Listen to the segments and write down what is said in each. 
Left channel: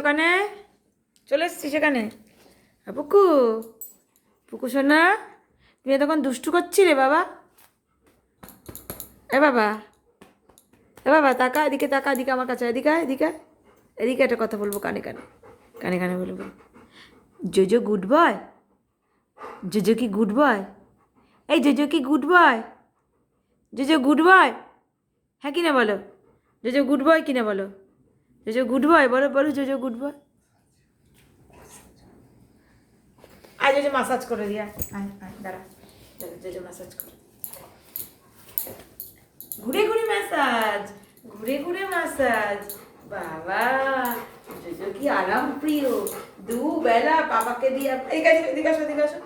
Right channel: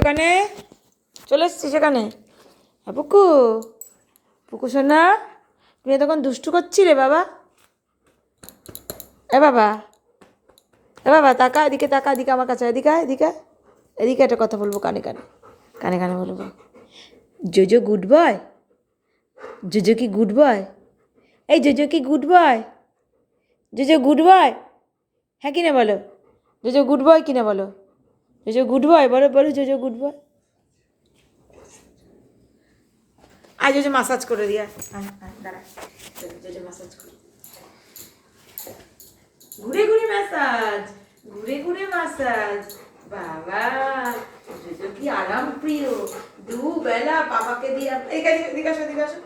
ওখানে, চলে এসছিস সেখানে। পুকু, পুকু সোনা, তুই তখন দুষ্টু করছিলে বাবা। এ বাবা, এ বাবা, তাকা এদিকে, তাকা এদিকে আমার কাছে, এদিকে এদিকে, এদিকে একটা কথা বলবো কানে কানে, কানে কানে বলবো। জোজো গুড বয়, জোজো কি গুড বয়? এই জোজো কি good boy? JoJo good boy? হ্যাঁ কিনা বলো, জোজো গুড বয় কিনা বলো, জোজো গুড বয় বলো, বলো জোজো গুড বয়। আয় জোজো মাসাজ করে দিয়া, দাঁড়া, জোজো মাসাজ করে, ঘুরে ঘুরে ম্যাসাজ, ঘুরে ঘুরে ম্যাসাজ। বাবা, জোজো কি আরাম প্রিয়, দুবেলা পাপাকে দিয়ে, এদিকে আসো, এদিকে আসো,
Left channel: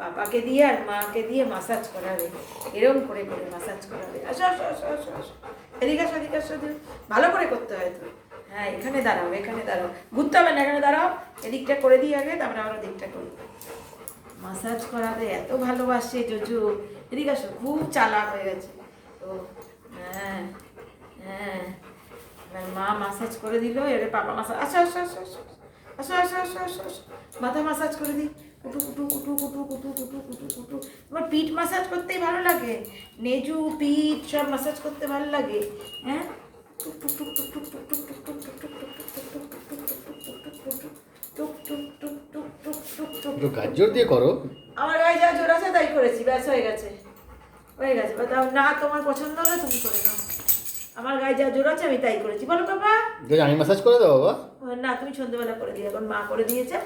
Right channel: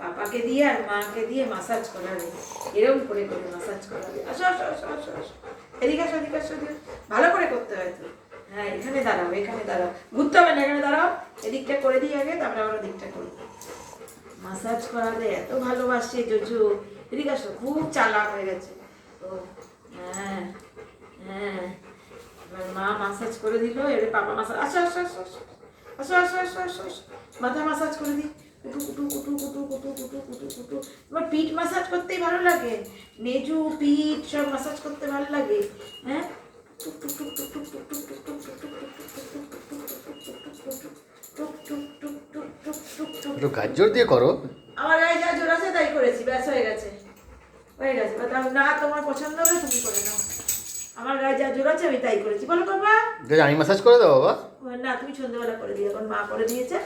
পাপাকে দিয়ে আর মাকে দিয়ে মাসাজ করাবে, এরকম করে করে মাসাজ করাবে। আসো আসো আসো আসো আসো, এদিকে আসো, এদিকে আসো, ভালো করে করতে হয় তো। হ্যাঁ এখানে দাঁড়াও, এখানে দাঁড়াও, ঘুরতে হবে না, এখানে দাঁড়াও, এদিকটা করে দিই আগে, তারপরে আবার দিকটা করি। মাসাজ করাবে এত ভালোবাসে জোজো। এদিকে আসো, খুব চালাক হয়ে গেছে ও। হ্যাঁ হ্যাঁ, মা মাসাজ করে দিল, এবারে পাপা মাসাজ। আসো আসো আসো আসো আসো আসো আসো আসো আসো, মাথা মাসাজ করে দিই, কুটু কুটু কুটু কুটু কুটু কুটু কুটু কুটু। তোমার পিঠ মাসাজ করতেই ভালো লাগে, নেজু পিঠ সব মাসাজ করতে ভালো লাগে। হ্যাঁ, টুক টুক টুক টুক টুক টুক টুক টুক টুক টুক টুক একটু গাজর দিয়ে করো। আমার গায়ে যা জোর আছে তাই করেছি, ব্যাস হয়ে গেছে, হয়ে গেছে। না তোমার পছন্দ হলে তুমি করে নাও, আমার গায়ে যা জোর আছে আমি তাই করেছি। বলো বাবা, আমি মাসাজ করে দাও বাবা। না তুমি সন্ধ্যেবেলা করে দিও, এখন মা করে দিয়েছে।